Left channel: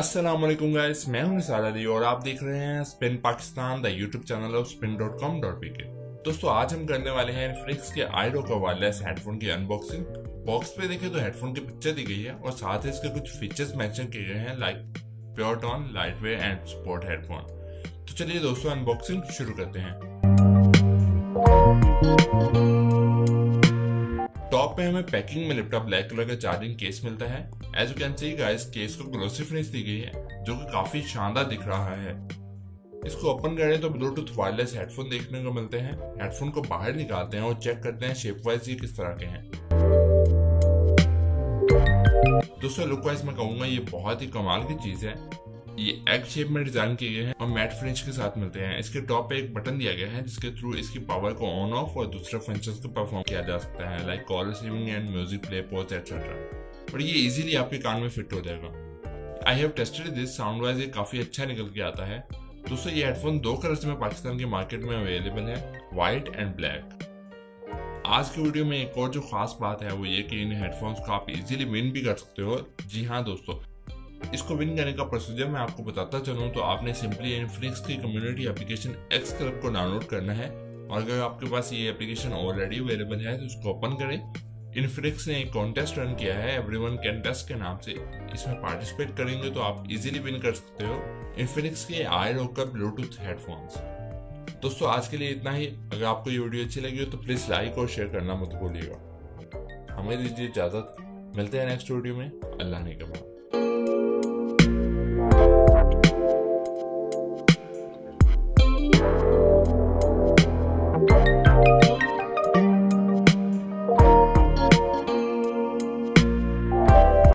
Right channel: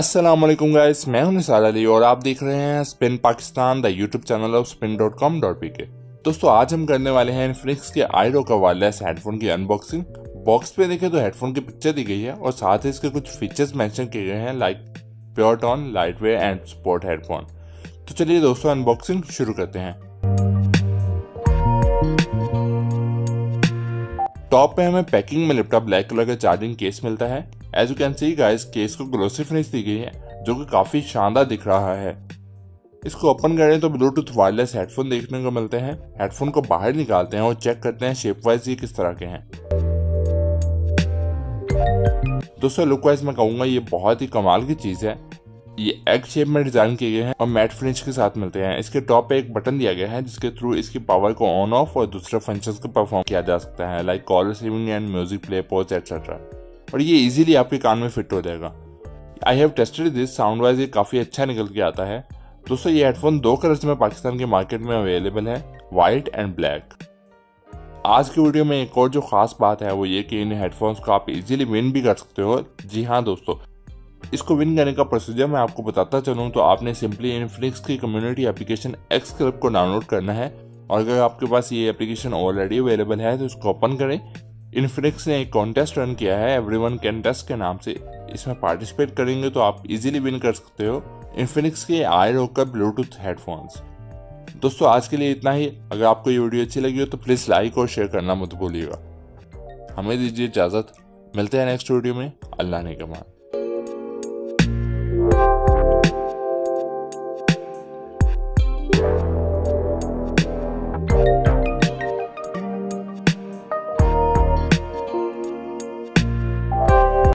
अस्सलाम वालेकुम गाइस, मैं हूं निसार अली और आप देख रहे हैं spin Pakistan, the YouTube channel of spin.com.pk। दोस्तों आज हम करने वाले हैं इनफिनिक्स के iROCKER वायरलेस हेडफोन की अनबॉक्सिंग। बॉक्स पे देखें तो हेडफोन की पिक्चर दी गई है और साथ ही इसके कुछ फीचर्स मेंशन किए गए हैं like pure tone, light weight and sport headphone. तो चलिए दोस्तों अनबॉक्सिंग शुरू करते हैं। टॉप पे हमें पैकिंग में लिपटा ब्लैक कलर का चार्जिंग केस मिलता है। As you can see guys, case को ग्लोसी फिनिश दी गई है जो कि काफी शानदार दिख रहा है। इसको ओपन करें तो ब्लूटूथ वायरलेस हेडफोन देखने को मिलते हैं। हेडफोन को बाहर निकालते हैं और चेक करते हैं शेप वाइज ये किस तरह के हैं। दोस्तों लुक वाइज मैं कहूंगा ये बहुत ही कमाल की चीज है। ये एग शेप में डिजाइन किए गए हैं और मैट फिनिश के साथ मिलते हैं। इसके टॉप पे एक बटन दिया गया है जिसके थ्रू इसकी पावर को ऑन ऑफ और दूसरे फंक्शंस को परफॉर्म किया जा सकता है like call receiving end music play, pause etcetera. और ये इजीली आपके कान में फिट हो जाएगा। I have tested this, sound wise ये काफी अच्छा निकल के आता है। दोस्तों ये हेडफोन 2 कलर्स में पाकिस्तान के मार्केट में अवेलेबल है, व्हाइट एंड ब्लैक। आज की वीडियो में एक और जो खास बात है वो ये कि इन हेडफोन्स को आप इजीली विन भी कर सकते हो। जी हाँ दोस्तों, इसको विन करने का प्रोसीजर मैं आपको बताता चलूँ तो आपने सिंपली इनफिनिक्स की कम्युनिटी एप्लीकेशन XCLUB को डाउनलोड करना है और अगर आपके पास ये एप्लीकेशन ऑलरेडी अवेलेबल है तो इसको ओपन करें। इनफिनिक्स ने एक कॉन्टेस्ट रन किया है एवरीवन कैन टेस्ट के नाम से। इसमें पार्टिसिपेट करेंगे तो आप इजीली विन कर सकते हो इनफिनिक्स के iROCKER ब्लूटूथ हेडफोन्स। दोस्तों आज के लिए इतना ही। अगर आपको ये वीडियो अच्छी लगी हो तो प्लीज लाइक और शेयर करना मत भूलिएगा। हमें दीजिए इजाजत, मिलते हैं नेक्स्ट वीडियो में। अल्लाह ने कमा।